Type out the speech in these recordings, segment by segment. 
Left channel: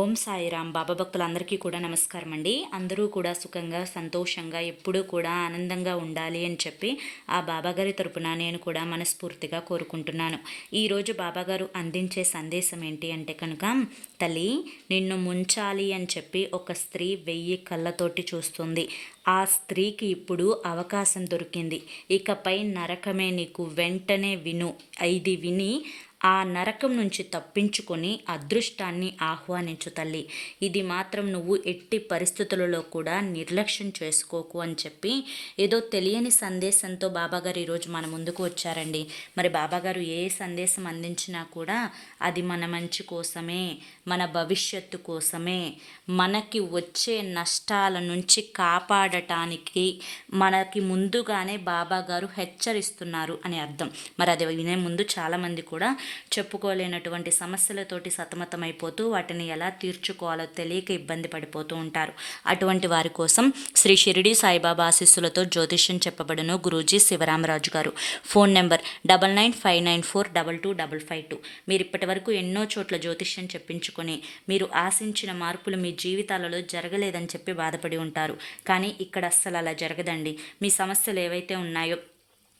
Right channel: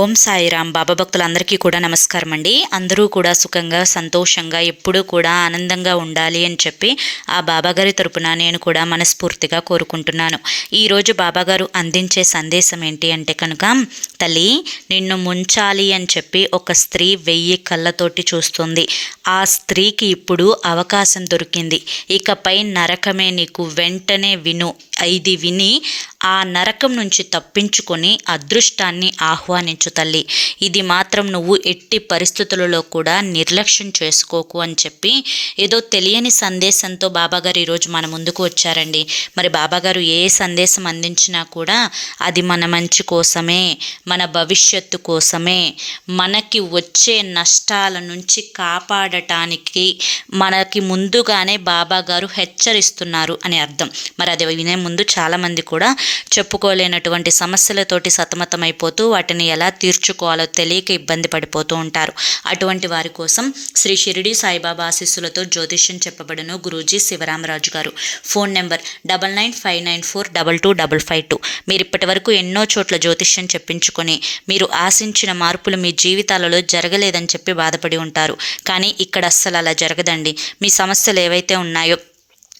ఓం సాయిరామ్. బాబా భక్తులందరికీ కూడా నమస్కారం అండి. అందరూ కూడా సుఖంగా సంతోషంగా ఎప్పుడూ కూడా ఆనందంగా ఉండాలి అని చెప్పి ఆ బాబాగారి తరపున నేను కూడా మనస్ఫూర్తిగా కోరుకుంటున్నాను. ఈరోజు బాబాగారు అందించే సందేశం ఏంటి అంటే కనుక తల్లి నిన్ను ముంచాలి అని చెప్పి ఒక స్త్రీ వెయ్యి కళ్ళతోటి చూస్తుంది. ఆ స్త్రీకి ఇప్పుడు అవకాశం దొరికింది. ఇకపై నరకమే నీకు వెంటనే విను. ఇది విని ఆ నరకం నుంచి తప్పించుకొని అదృష్టాన్ని ఆహ్వానించు తల్లి. ఇది మాత్రం నువ్వు ఎట్టి పరిస్థితులలో కూడా నిర్లక్ష్యం చేసుకోకు అని చెప్పి ఏదో తెలియని సందేశంతో బాబాగారు ఈరోజు మన ముందుకు వచ్చారండి. మరి బాబాగారు ఏ సందేశం అందించినా కూడా అది మన మంచి కోసమే మన భవిష్యత్తు కోసమే. మనకి వచ్చే నష్టాల నుంచి కాపాడటానికి మనకి ముందుగానే బాబాగారు హెచ్చరిస్తున్నారు అని అర్థం. మరి అది వినే ముందు చాలామంది కూడా చెప్పుకోలేనటువంటి సమస్యలతోటి సతమతమైపోతూ వాటిని ఎలా తీర్చుకోవాలో తెలియక ఇబ్బంది పడిపోతూ ఉంటారు. అటువంటి వారి కోసం శ్రీ షిరిడి సాయిబాబా ఆశీస్సులతో జ్యోతిష్యం చెప్పబడును Guruji Sivaramaraju garu. Phone number double nine five nine four double two double five two. మీరు ఇప్పటి వరకు ఎన్నో చోట్ల జ్యోతిష్యం చెప్పించుకొని మీరు ఆశించిన మార్పులు మీ జీవితాలలో జరగలేదని చెప్పి బాధపడి ఉంటారు. కానీ ఇక్కడ అస్సలు అలా జరగదండి. మీ సమస్యలు ఏవైతే ఉన్నాయో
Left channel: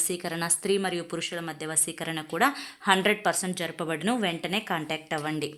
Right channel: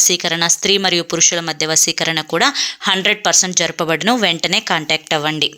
వశీకరణ స్త్రీ మరియు పురుషుల మధ్య వశీకరణ కూడా హండ్రెడ్ పర్సెంట్ జరపబడును. వెంటనే కాంటాక్ట్ అవ్వండి.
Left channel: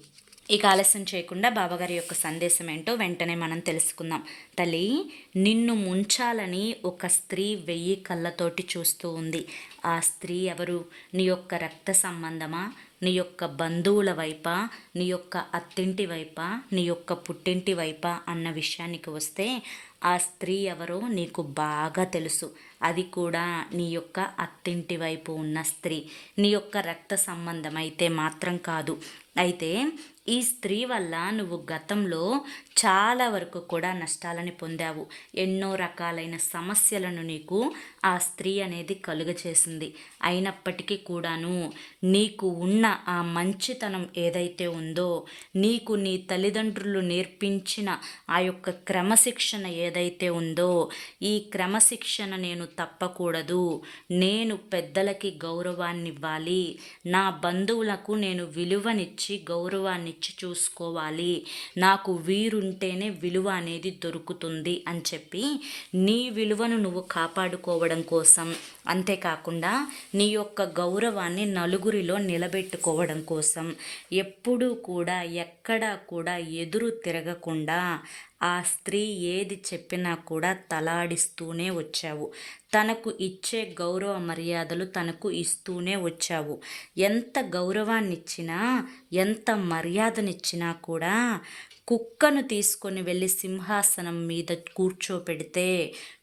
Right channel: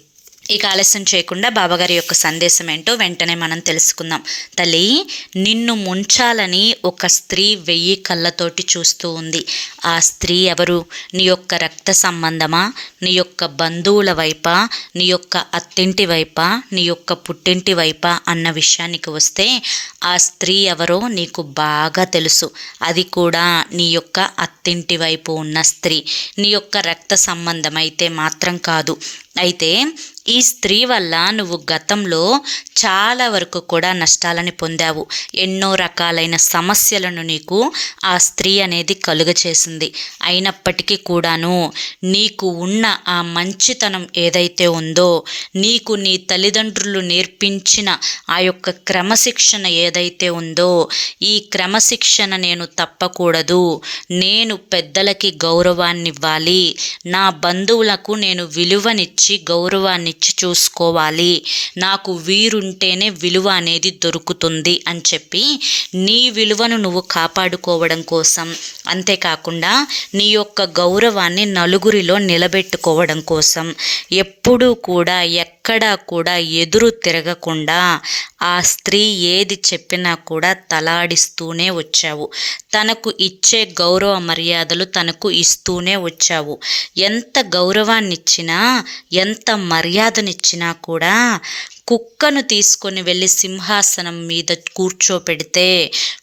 ఇక ఆలస్యం చేయకుండా బాబాగారి యొక్క సందేశం ఏంటో వెంటనే మనం తెలుసుకుందాం. తల్లి నిన్ను ముంచాలని ఒక స్త్రీ వెయ్యి కళ్ళతోటి చూస్తూ ఉంది. ఆ స్త్రీ ఎవరు? నీ యొక్క రక్త సంబంధమా? నీ యొక్క బంధువుల వైపా? నీ యొక్క అత్తింటి వైపా? నీ యొక్క పుట్టింటి వైపా? అన్న విషయానికి వస్తే ఆ స్త్రీ ఎవరో నీకు బాగా తెలుసు. అది కూడా నీ యొక్క అత్తింటి వైపు ఉన్న స్త్రీ. నీ యొక్క రక్త సంబంధం అయితే మాత్రం కాదు. అయితే ఈ స్త్రీ వల్ల నువ్వు గతంలో చాలా వరకు కూడా నష్టాలని పొందావు. ఎన్నో రకాలైన సమస్యలను నీకు ఆ స్త్రీ అనేది కలుగచేసింది. అయినప్పటికీ కూడాను నీకు ఉన్న ఆ మంచితనం ఏదైతే ఉందో నీకు నీ తల్లిదండ్రులు నేర్పించిన ఆ యొక్క క్రమశిక్షణ ఏదైతే ఉందో ఈ క్రమశిక్షణ నేను తప్పకూడదు. నేను పెద్దలకి గౌరవాన్ని ఇవ్వాలి నా బంధువులకు నేను విలువనిచ్చి గౌరవాన్ని ఇచ్చి చూసుకోవాలి. నాకు వీరుంటేనే విలువ అనేది దొరుకుతుంది అని చెప్పి నీ విలువను నువ్వు కాపాడుకోవడం కోసం అంతేకాకుండా నీ యొక్క గౌరవాన్ని నలుగురిలో నిలబెట్టుకోవడం కోసం ఎప్పుడూ కూడా ఎక్కడా కూడా ఎదురు తిరగకుండా ఆ స్త్రీ ఏది చెప్పినా కూడా తలాడిస్తూనే వచ్చావు. తనకు ఇచ్చే గౌరవ మర్యాదలు తనకు ఇస్తూనే వచ్చావు. ఎంత గౌరవాన్ని ఎంత ఎంత మర్యాదనిచ్చినా కూడా కుక్కను తీసుకొని వెళ్ళి సింహాసనం మీద కూర్చోపెడితే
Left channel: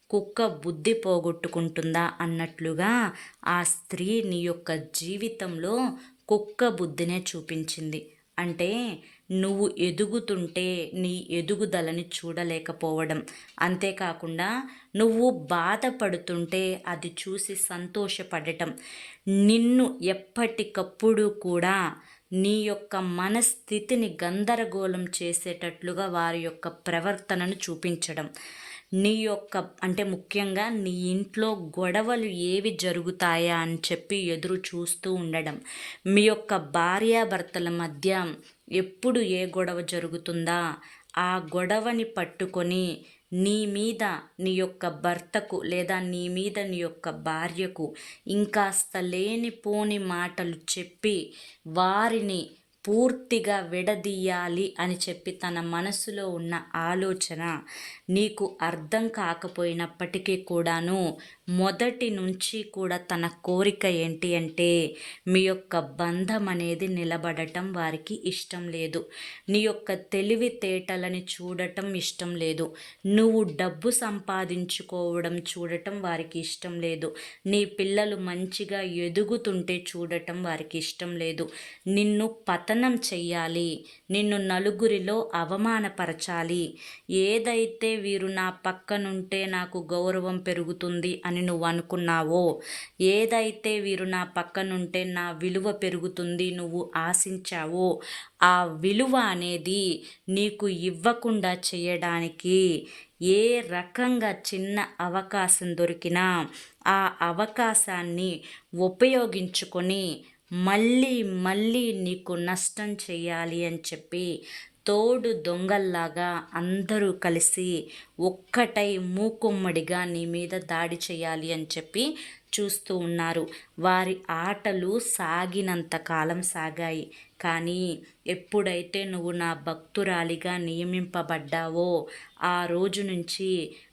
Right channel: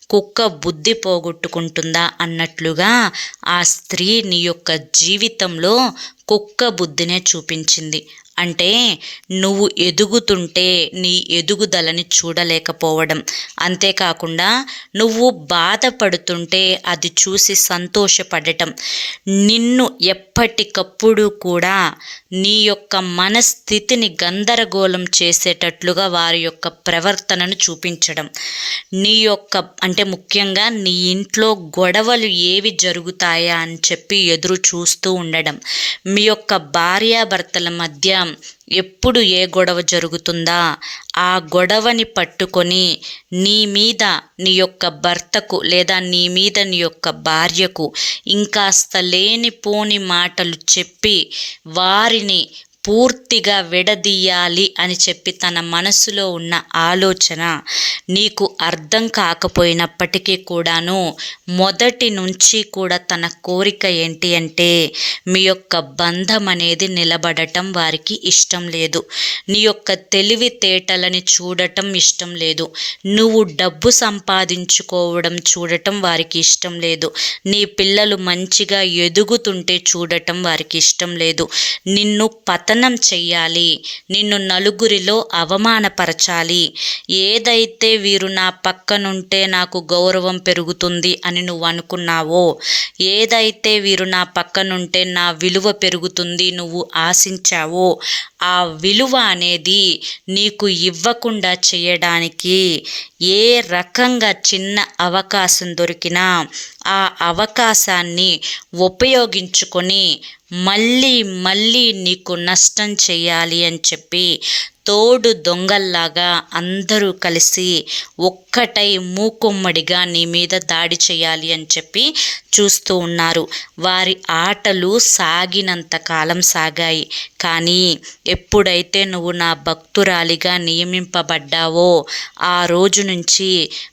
కుక్క బుద్ధి పోగొట్టుకుంటుందా అన్నట్లుగా ఆ స్త్రీ నీ యొక్క జీవితంలో కుక్క బుద్ధినే చూపించింది. అంటే నువ్వు ఎదుగుతుంటే నీ ఎదుగుదలని చూడలేకపోవడం. అంతేకాకుండా నువ్వు బాధపడుతుంటే అది చూసి సంతోషపడటం. నిన్ను ఎప్పటికప్పుడు కూడా నీ యొక్క మనస్థితిని గందరగోళం చేసేటట్లుగా వారి యొక్క ప్రవర్తనను చూపించడం. నీ యొక్క అంటే ముఖ్యంగా నీ ఇంట్లో గొడవలు ఏవి జరుగుతాయా అని చెప్పి ఎదురు చూస్తూ ఉండడం. మీ యొక్క భార్యాభర్తల మధ్య ఎప్పుడు ఏ గొడవ జరుగుతుందా? ఆ గొడవని పట్టుకొని నీ మీద నీ యొక్క భర్తకు లేదా నీ మీద నీ యొక్క భార్యకు ఇంకాస్త లేనిపోని మాటలు చెప్పి వారిని పూర్తిగా విడదీయాలి అని చెప్పి తన మనసులో ఉన్న ఆలోచన నీకు అర్థం కాకపోయినప్పటికీ కూడాను మొదటి నుంచి కూడా తన కోరిక ఏంటి అంటే మీ యొక్క బంధం అనేది నిలబడటం వారికి ఇష్టం లేదు. నీ యొక్క తెలివితేటలని చూడటం ఇష్టం లేదు. నువ్వు డబ్బు సంపాదించుకోవడం చూడటం వారికి ఇష్టం లేదు. నీ పిల్లలు మంచిగా ఎదుగుతుంటే చూడటం వారికి ఇష్టం లేదు. నిన్ను పతన హననం చెయ్యాలి. నిన్ను నలుగురిలో అవమానపరచాలి. ఏదైతే వీరు నా పక్కనుంటే నాకు గౌరవం పెరుగుతుంది అని నువ్వు అనుకున్నావో ఏదైతే వీరు నా పక్కనుంటే నా విలువ పెరుగుతుంది నువ్వు ఆశించావో ఆ విలువ అనేది నీకు ఇవ్వకుండా చేయడానికి ఏ రకంగా చిన్న అవకాశం దొరికినా ఆ అవకాశాన్ని ఉపయోగించుకొని మళ్ళీ మళ్ళీ నీకు నష్టం చేయాలి అని చెప్పి తోడు దొంగల్లాగా అందరూ కలిసి ఒక్కటై మూకుమ్మడిగా నీ మీద దాడి చేయాలి అని చెప్పి చూస్తూ ఉన్నారు. వారి ఆటలు సాగినంత కాలం సాగాయి. కానీ ఎప్పుడైతే నువ్వు నా భక్తురాలిగా నియమింపబడ్డావో ఆ రోజు నుంచి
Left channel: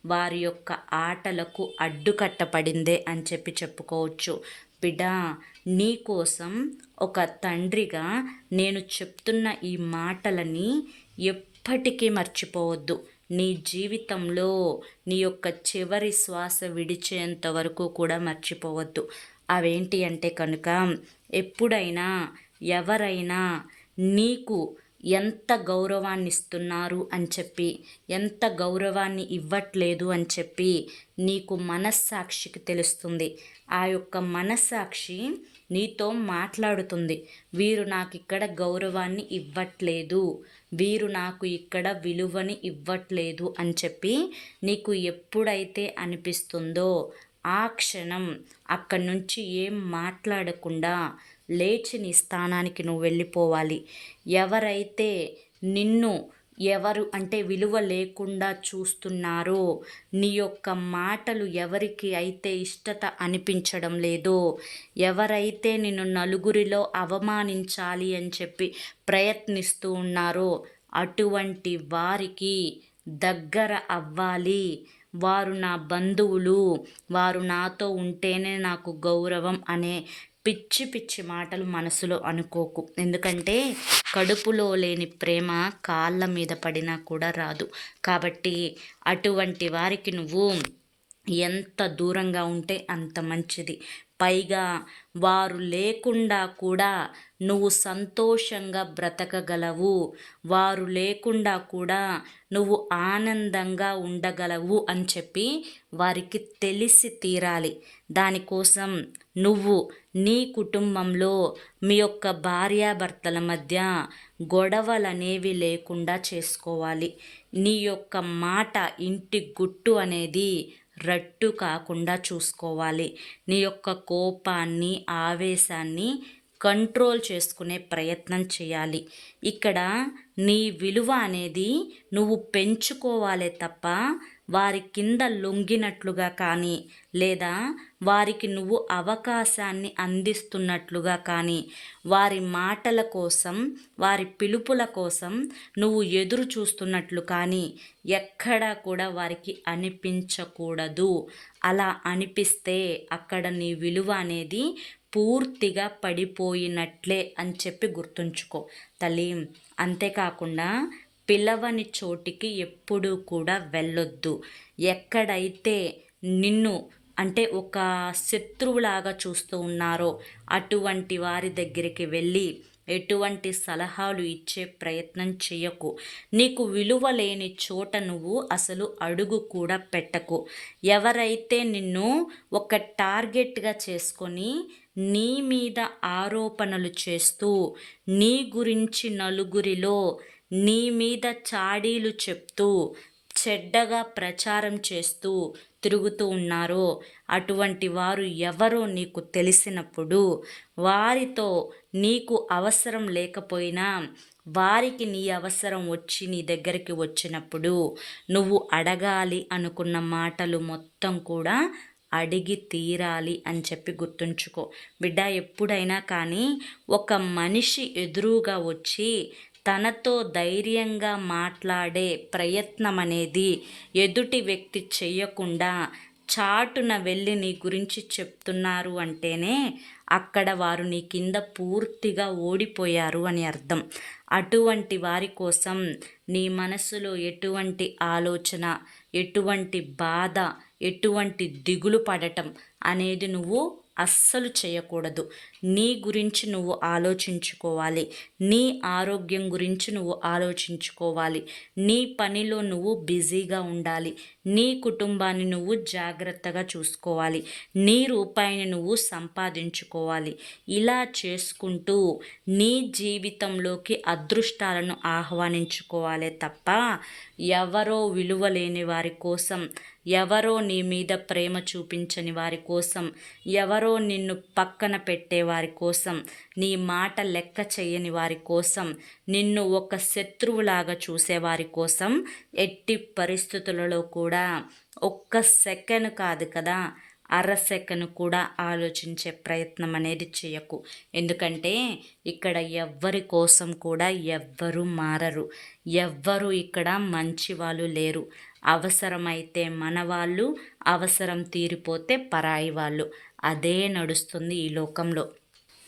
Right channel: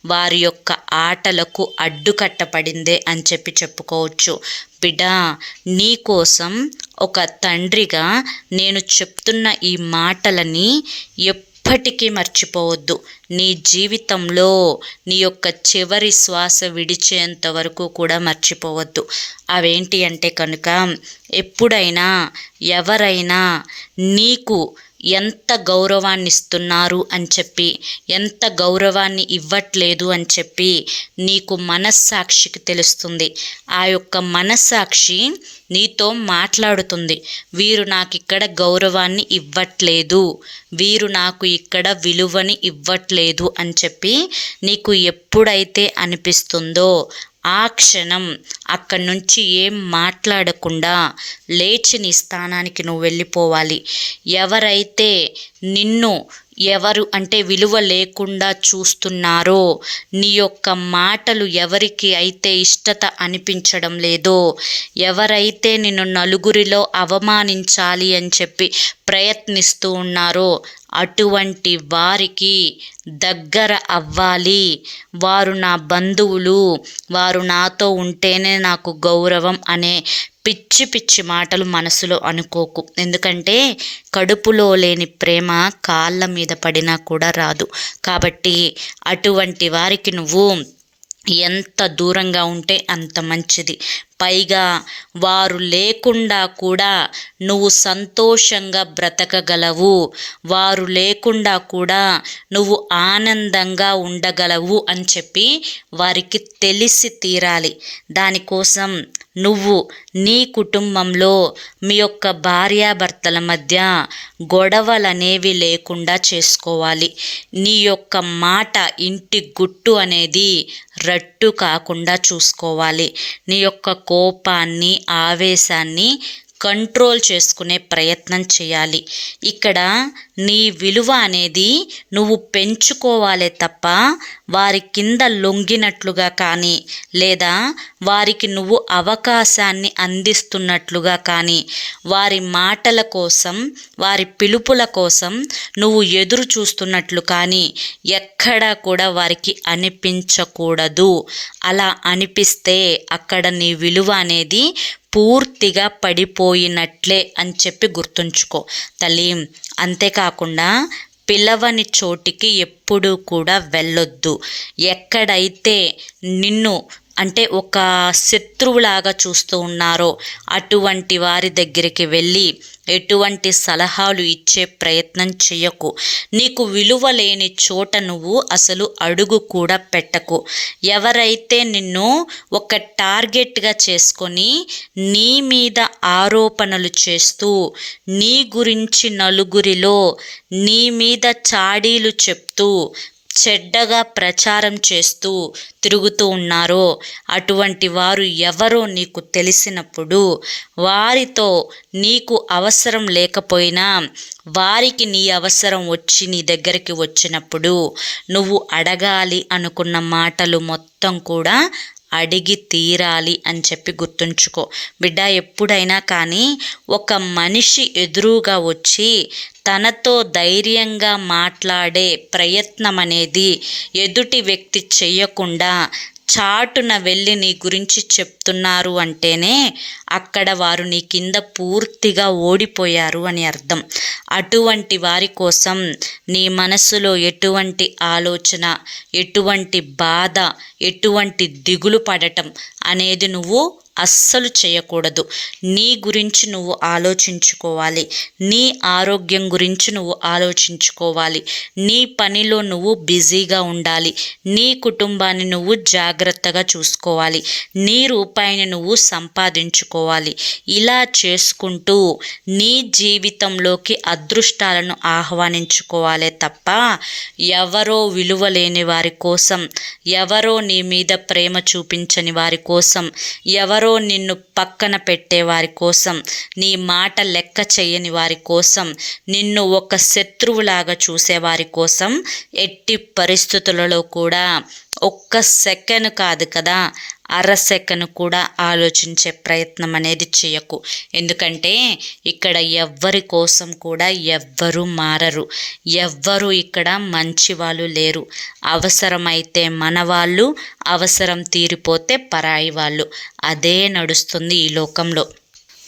వారి యొక్క ఆటలకు అడ్డుకట్టపడిందే అని చెప్పి చెప్పుకోవచ్చు. బిడా నీకోసం ఒక తండ్రిగా నేను చెప్తున్న ఈ మాటలని ఎప్పటికీ మర్చిపోవద్దు. నీ జీవితంలో నీ యొక్క చివరి శ్వాస విడిచేంత వరకు కూడా మర్చిపోవద్దు. అవేంటి అంటే కనుక ఎప్పుడైనా ఎవరైనా నీకు ఎంత గౌరవాన్ని ఇస్తున్నారు అని చెప్పి ఎంత గౌరవాన్ని ఇవ్వట్లేదు అని చెప్పి నీకు మనస్సాక్షికి తెలుస్తుంది. ఆ యొక్క మనస్సాక్షి నీతో మాట్లాడుతుంది. వీరు నాకు ఇక్కడ గౌరవాన్ని ఇవ్వట్లేదు. వీరు నాకు ఇక్కడ విలువని ఇవ్వట్లేదు అని చెప్పి నీకు ఎప్పుడైతే అనిపిస్తుందో ఆ క్షణం అక్కడి నుంచి ఏం మాట్లాడకుండా లేచి నీ స్థానానికి నువ్వు వెళ్ళిపోవాలి. ఎవరైతే నిన్ను ఎవరు అంటే విలువ లేకుండా చూస్తున్నారో నీ యొక్క మాటలు ఎవరికి అయితే ఇష్టత అనిపించడం లేదో ఎవరైతే నిన్ను నలుగురిలో అవమానించాలి అని చెప్పి ప్రయత్నిస్తూ ఉన్నారో అటువంటి వారికి దగ్గర అవ్వాలి. వారు నా బంధువులు వారు నాతో ఉంటేనే నాకు గౌరవం అనే పిచ్చి పిచ్చి మాటలు మనసులో అనుకోకు. ఎందుకంటే కడుపులో లేని ప్రేమ కాళ్ళ మీద పడినా కూడా రాదు. కాబట్టి అటువంటి వారికి నువ్వు ఎంత దూరంగా ఉంటే అంత మంచిది. పైగా వారు లేకుండా కూడా నువ్వు సంతోషంగా బ్రతకగలవు. వారు లేకుండా కూడా నువ్వు ఆనందంగా ఉండగలవు అని చెప్పి వారికి తెలిసి తీరాలి. దానికోసం నువ్వు నీ కుటుంబంలో మీ యొక్క భార్యాభర్తల మధ్య గొడవలనేవి లేకుండా చేసుకోవాలి. నీ యొక్క మాట ఇంటి గుట్టు అనేది రట్టు కాకుండా చూసుకోవాలి. నీ యొక్క కోపాన్ని ఆవేశాన్ని కంట్రోల్ చేసుకునే ప్రయత్నం చేయాలి. ఇక్కడ నీ విలువ అనేది నువ్వు పెంచుకోవాలే తప్ప వారి కింద లొంగినట్లుగా కానీ లేదా వారికి నువ్వు అవకాశాన్ని అందిస్తున్నట్లుగా కానీ వారి మాటల కోసం వారి పిలుపుల కోసం నువ్వు ఎదురు చూస్తున్నట్లు కానీ ఎక్కడా కూడా వారికి అనిపించకూడదు. అలా అనిపిస్తే అక్కడ నీ విలువ అనేది పూర్తిగా పడిపోయినట్లే అని చెప్పి గుర్తుంచుకో. తల్లి అంతేకాకుండా పిలవని చోటికి ఎప్పుడూ కూడా వెళ్ళొద్దు. ఎక్కడైతే నిన్ను అంటే ఒక శత్రువులాగా చూస్తూ ఉన్నారో అటువంటి వారి దగ్గరికి వెళ్ళి ఎటువంటి సలహాలు ఇచ్చే ప్రయత్నం చేయకు నీకు విలువ లేని చోట నువ్వు అసలు అడుగు కూడా పెట్టకు. ఎవరైతే నిన్ను ఒక టార్గెట్గా చేసుకొని నీ మీద ఆరోపణలు చేస్తూ నీ గురించి నలుగురిలో నీ మీద చాడీలు చెప్తూ చెడ్డగా ప్రచారం చేస్తూ తిరుగుతూ ఉన్నారో అటువంటి వారు ఎవరో నీకు తెలిసినప్పుడు వారితో నీకు అవసరం లేకపోయినా వారికి నీ అవసరం వచ్చి నీ దగ్గరికి వచ్చినప్పుడు నువ్వు అడగాలి అనుకున్న మాటలు మొత్తం కూడా అడిగి తీరాలి అని చెప్పి గుర్తుంచుకో. బిడ్డ ఎప్పుడైనా కానీ ఒక మనిషి ఎదురుగా వచ్చి తనతో ధైర్యంగా మాట్లాడే ప్రయత్నం అనేది ఎదుటి వ్యక్తి చెయ్యకుండా చాటున వెళ్ళి నీ గురించి చెప్తున్నారు అంటేనే అక్కడ వారు నీ కింద పూర్తిగా ఓడిపోయారు అని అర్థం. అటువంటి వారి కోసం నీ మనసులో ఎటువంటి ఆలోచన ఎటువంటి బాధ ఎటువంటి దిగులు పడటం అనేది నువ్వు అస్సలు చేయకూడదు. నీ గురించి నువ్వు ఆలోచించుకోవాలి. నీ ఆరోగ్యం గురించి నువ్వు ఆలోచించుకోవాలి. నీ పనిలో నువ్వు బిజీగా ఉండాలి. నీ కుటుంబాన్ని నువ్వు జాగ్రత్తగా చూసుకోవాలి. నీ రూపాయిని నువ్వు సంపాదించుకోవాలి. ఇలా చేసుకుంటూ నీ జీవితంలోకి అదృష్టాలను ఆహ్వానించుకోవాలే తప్ప ఎవరో విలువ లేని వారి కోసం ఎవరో నీ మీద ప్రేమ చూపించని వారి కోసం ఎవరో నిన్ను పక్కన పెట్టే వారి కోసం నీ మాట లెక్క చేయని వారి కోసం నిన్ను ఒక శత్రువులాగా చూసేవారి కోసం ఎట్టి పరిస్థితులలో కూడా ఒక్క సెకండ్ కాదు కదా అర సెకండ్ కూడా ఆలోచించే ప్రయత్నం అనేది చేయకు. ఎందుకంటే ఇక్కడ ఎవ్వరి కోసం కూడా ఎవ్వరు మారరు. ఎవ్వరు ఇక్కడ మంచి వాళ్ళు లేరు. అవసరమైతే మన వాళ్ళు అవసరం తీరిపోతే పరాయి వాళ్ళు అదే నడుస్తుంది ఈ లోకంలో.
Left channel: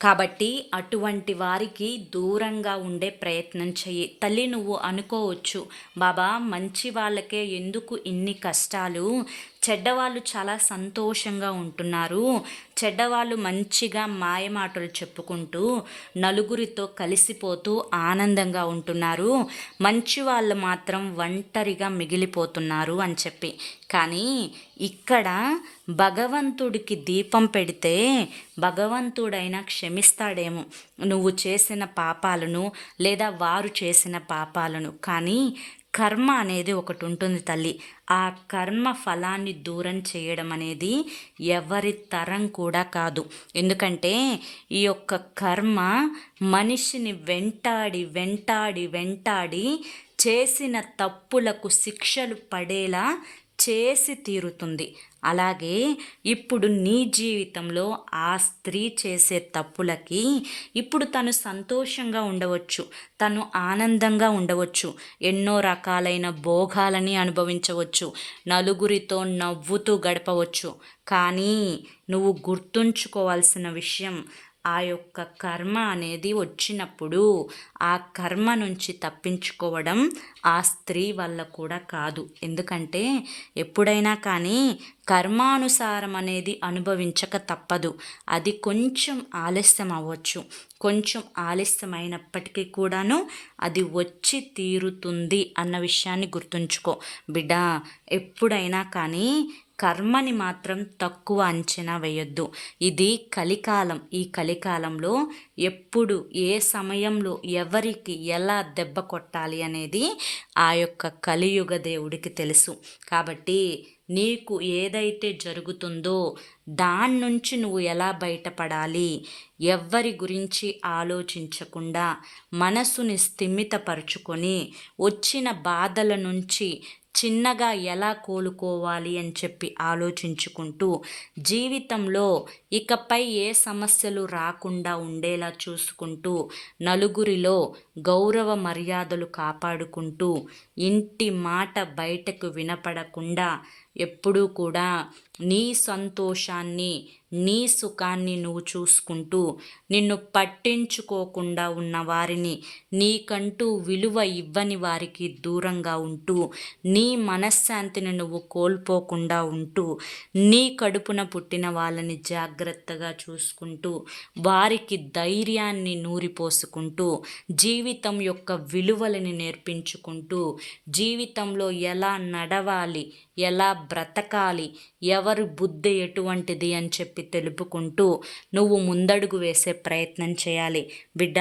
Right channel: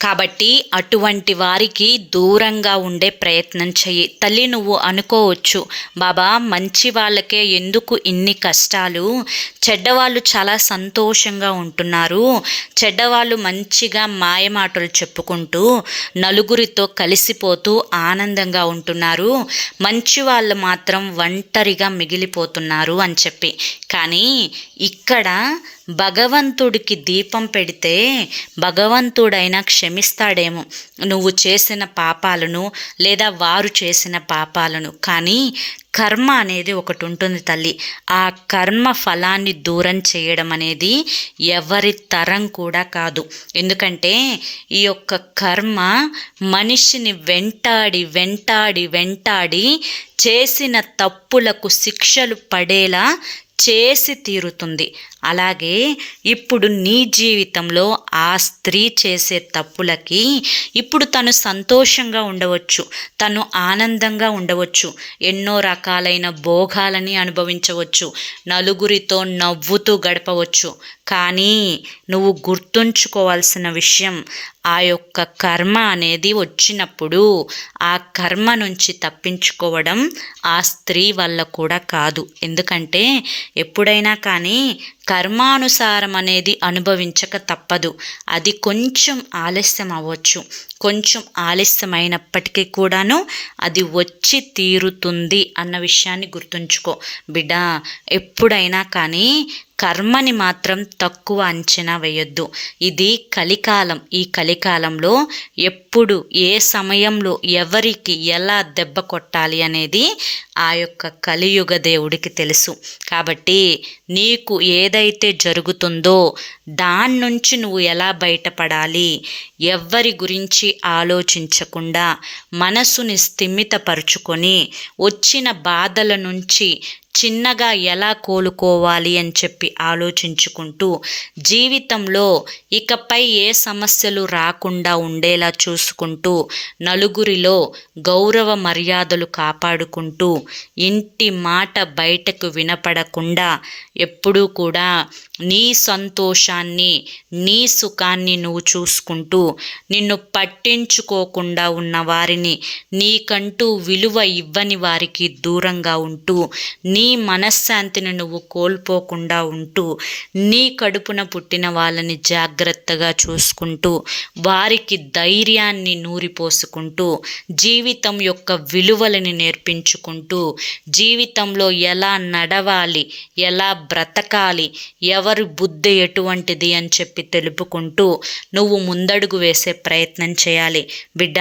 కాబట్టి అటువంటి వారికి దూరంగా ఉండే ప్రయత్నం చెయ్యి. తల్లి నువ్వు అనుకోవచ్చు బాబా మంచి వాళ్ళకే ఎందుకు ఇన్ని కష్టాలు? చెడ్డవాళ్ళు చాలా సంతోషంగా ఉంటున్నారు. చెడ్డవాళ్ళు మంచిగా మాయమాటలు చెప్పుకుంటూ నలుగురితో కలిసిపోతూ ఆనందంగా ఉంటున్నారు. మంచి వాళ్ళు మాత్రం ఒంటరిగా మిగిలిపోతున్నారు అని చెప్పి. కానీ ఇక్కడ భగవంతుడికి దీపం పెడితే భగవంతుడైనా క్షమిస్తాడేమో. నువ్వు చేసిన పాపాలను లేదా వారు చేసిన పాపాలను. కానీ కర్మ అనేది ఒకటి ఉంటుంది తల్లి. ఆ కర్మ ఫలాన్ని దూరం చేయడం అనేది ఎవరి తరం కూడా కాదు. ఎందుకంటే ఈ యొక్క కర్మ మనిషిని వెంటాడి వెంటాడి వెంటాడి చేసిన తప్పులకు శిక్షలు పడేలా చేసి తీరుతుంది. అలాగే ఇప్పుడు నీ జీవితంలో ఆ స్త్రీ చేసే తప్పులకి ఇప్పుడు తను సంతోషంగా ఉండవచ్చు తను ఆనందంగా ఉండవచ్చు ఎన్నో రకాలైన భోగాలని అనుభవించవచ్చు నలుగురితో నవ్వుతూ గడపవచ్చు. కానీ నువ్వు గుర్తుంచుకోవాల్సిన విషయం ఆ యొక్క కర్మ అనేది వచ్చినప్పుడు ఆ కర్మ నుంచి తప్పించుకోవడం ఆ స్త్రీ వల్ల కూడా కాదు. ఎందుకంటే ఎప్పుడైనా కానీ కర్మానుసారం అనేది అనుభవించక తప్పదు. అది కొంచెం ఆలస్యం అవ్వచ్చు. కొంచెం ఆలస్యమైనప్పటికీ కూడాను అది వచ్చి తీరుతుంది అన్న విషయాన్ని గుర్తుంచుకో. బిడ్డ ఎప్పుడైనా కానీ కర్మని మాత్రం తక్కువ అంచనా వేయొద్దు. ఇది కలికాలం. ఈ కలికాలంలో ఎప్పుడు ఏ సమయంలో ఎవరికి ఎలా దెబ్బ కొట్టాలి అనేది ఆ యొక్క కలియుగ దేవుడికి తెలుసు. కాబట్టి నీకు ఏదైతే జరుగుతుందో దాని నుంచి నువ్వు ఎలా బయటపడాలి ఎవ్వరి గురించి ఆలోచించకుండా మనసుని స్థిమితపరుచుకొని వచ్చిన బాధల నుంచి చిన్నగా ఎలా కోలుకోవాలి అని చెప్పి ఆలోచించుకుంటూ జీవితంలో ఇకపై ఏ సమస్యలు రాకుండా ఉండేలా చూసుకుంటూ నలుగురిలో గౌరవ మర్యాదలు కాపాడుకుంటూ ఇంటి మాట బయటకు వినపడకుండా ఎప్పుడూ కూడా నీ సంతోషాన్ని నీ సుఖాన్ని నువ్వు చూసుకుంటూ నిన్ను పట్టించుకోకుండా ఉన్న వారిని నీకంటూ విలువ ఇవ్వని వారికి దూరంగా ఉంటూ నీ మనశ్శాంతిని నువ్వు కోల్పోకుండా ఉంటూ నీ కడుపున పుట్టిన వాళ్ళని జాగ్రత్తగా చూసుకుంటూ వారికి ధైర్యాన్ని నూరిపోసుకుంటూ జీవితం యొక్క విలువలని నేర్పించుకుంటూ జీవితంలో ఎలా నడవాలి ఎలా బ్రతకాలి ఎవరి బుద్ధి ఎటువంటిది అని చెప్పి తెలుపుకుంటూ నువ్వు ముందడుగు వేసే ప్రయత్నం చేయాలి. బిడ్డ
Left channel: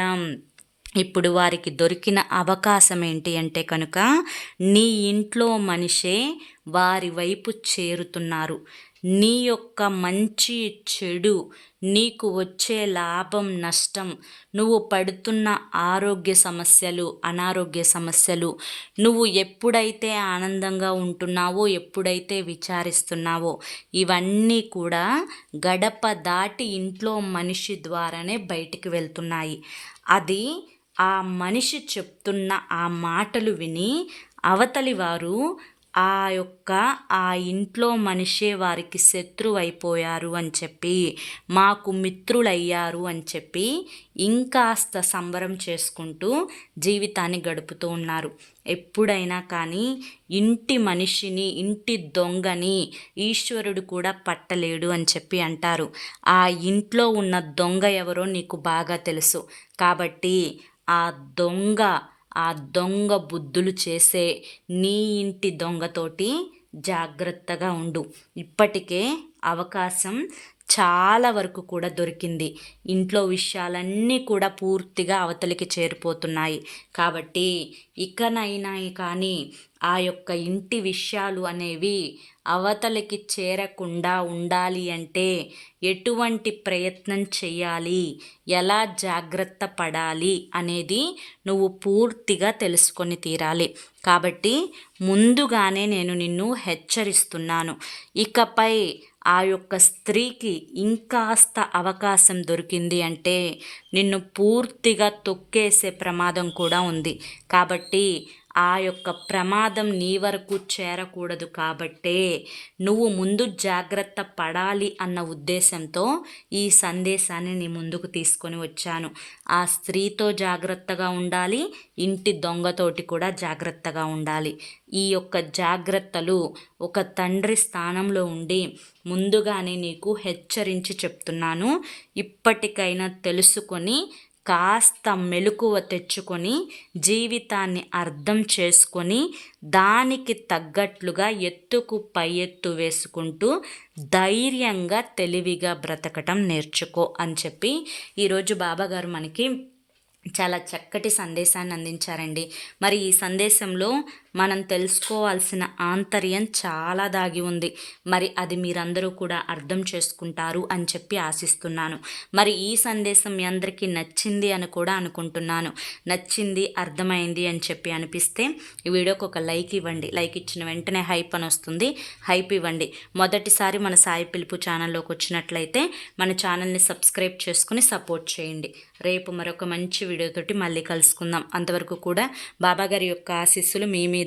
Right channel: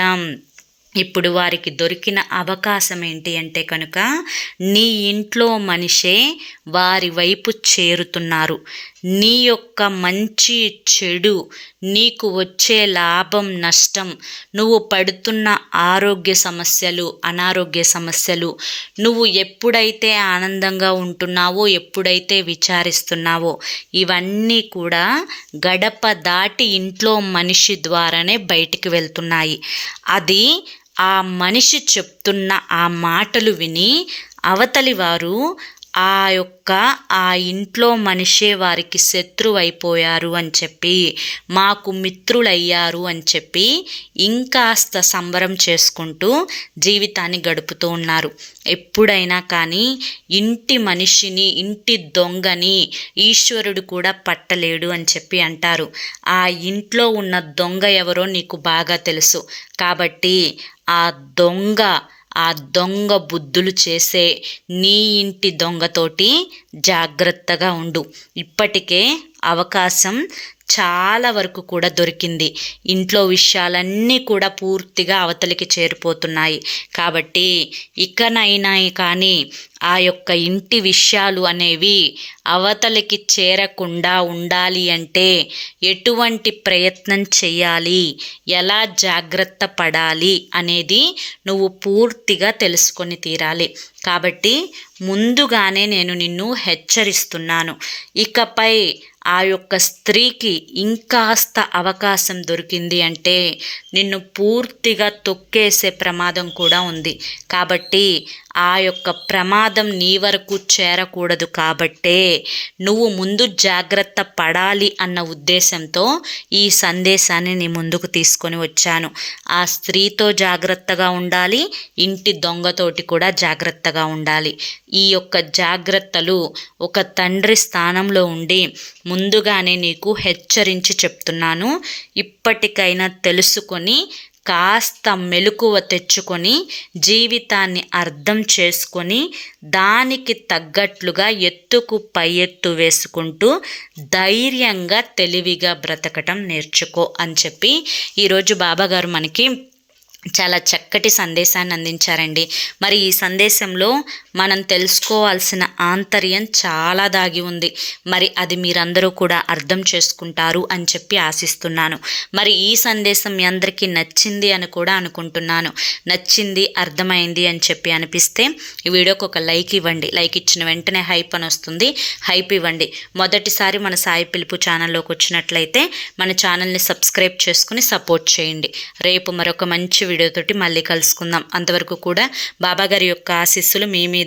ఇప్పుడు వారికి దొరికిన అవకాశం ఏంటి అంటే కనుక నీ ఇంట్లో మనిషే వారి వైపు చేరుతున్నారు. నీ యొక్క మంచి చెడు నీకు వచ్చే లాభం నష్టం. నువ్వు పడుతున్న ఆరోగ్య సమస్యలు అనారోగ్య సమస్యలు నువ్వు ఎప్పుడైతే ఆనందంగా ఉంటున్నావో ఎప్పుడైతే విచారిస్తున్నావో ఇవన్నీ కూడా గడప దాటి ఇంట్లో మనిషి ద్వారానే బయటికి వెళ్తున్నాయి. అది ఆ మనిషి చెప్తున్న ఆ మాటలు విని అవతలి వారు ఆ యొక్క ఆ ఇంట్లో మనిషే వారికి శత్రువైపోయారు అని చెప్పి మాకు మిత్రులయ్యారు అని చెప్పి ఇంకాస్త సంబరం చేసుకుంటూ జీవితాన్ని గడుపుతూ ఉన్నారు. ఎప్పుడైనా కానీ ఇంటి మనిషిని ఇంటి దొంగని ఈశ్వరుడు కూడా పట్టలేడు అని చెప్పి అంటారు. ఆ ఇంట్లో ఉన్న దొంగ ఎవరో నీకు బాగా తెలుసు. కాబట్టి ఆ దొంగ ఆ దొంగ బుద్ధులు చేసే నీ ఇంటి దొంగతోటి జాగ్రత్తగా ఉండు. ఇప్పటికే అవకాశం చాలా వరకు కూడా దొరికింది. ఇంట్లో విషయాలన్నీ కూడా పూర్తిగా అవతలికి చేరిపోతున్నాయి. కాబట్టి ఇకనైనా కానీ ఆ యొక్క ఇంటి విషయాలు అనేవి అవతలికి చేరకుండా ఉండాలి అంటే ఎటువంటి ప్రయత్నం చేయాలి? ఎలా జాగ్రత్త పడాలి? అనేది నువ్వు పూర్తిగా తెలుసుకొని తీరాలి. కాబట్టి ముందుగానే నేను నిన్ను హెచ్చరిస్తున్నాను. ఇకపై ఆ యొక్క స్త్రీకి ఇంకాస్త అవకాశం దొరికింది అంటే నిన్ను పూర్తిగా తొక్కేసే ప్రమాదం కూడా ఉంది. కాబట్టి ఆ యొక్క ప్రమాదం నీ వరకు చేరకూడదు కాబట్టే నువ్వు ముందు జాగ్రత్త పడాలి అన్న ఉద్దేశంతో ఈ సందేశాన్ని నీ ముందుకు తీసుకొని వచ్చాను. ఆ స్త్రీతో జాగ్రత్తగా ఉండాలి ఇంటి దొంగతోటి కూడా జాగ్రత్తగా ఉండాలి. ఈ యొక్క జాగ్రత్తలు ఒక తండ్రి స్థానంలో ఉండి ముందుగానే నీకు హెచ్చరించి చెప్తున్నాను. ఇప్పటికైనా తెలుసుకొని కాస్త మెలకువ తెచ్చుకొని జీవితాన్ని అర్థం చేసుకొని దానికి తగ్గట్లుగా ఎత్తుకు పై ఎత్తు వేసుకుంటూ ధైర్యంగా తెలివిగా బ్రతకటం నేర్చుకో అని చెప్పి ఈరోజు బాబాగారు మనకి చాలా చక్కటి సందేశాన్ని అందించారండి. మరి ఈ సందేశంలో మనం తెలుసుకోవాల్సిన ఆంతర్యం చాలా దాగి ఉంది. మరి అది మీరందరూ కూడా అర్థం చేసుకుంటారు అని చెప్పి ఆశిస్తున్నాను. మరి ఈ సందేశం మీ అందరికీ నచ్చింది అని కూడా అనుకుంటున్నాను. నచ్చింది అర్థమైంది అని చెప్పి అనిపిస్తే ఈ వీడియోకి ఒక లైక్ ఇవ్వండి. లైక్ ఇచ్చిన వెంటనే హైప్ అని వస్తుంది. హైప్ ఇవ్వండి. మొదటిసారి మన సాయి పిలుపు ఛానల్లోకి వచ్చినట్లయితే మన ఛానల్ని సబ్స్క్రైబ్ చేసుకుని సపోర్ట్ చేయండి. రేపు మరొక మంచి వీడియోతోటి మళ్ళీ కలుసుకుందాం. అంతవరకు కూడా బాబాగారి యొక్క ఆశీస్సులు మీ మీద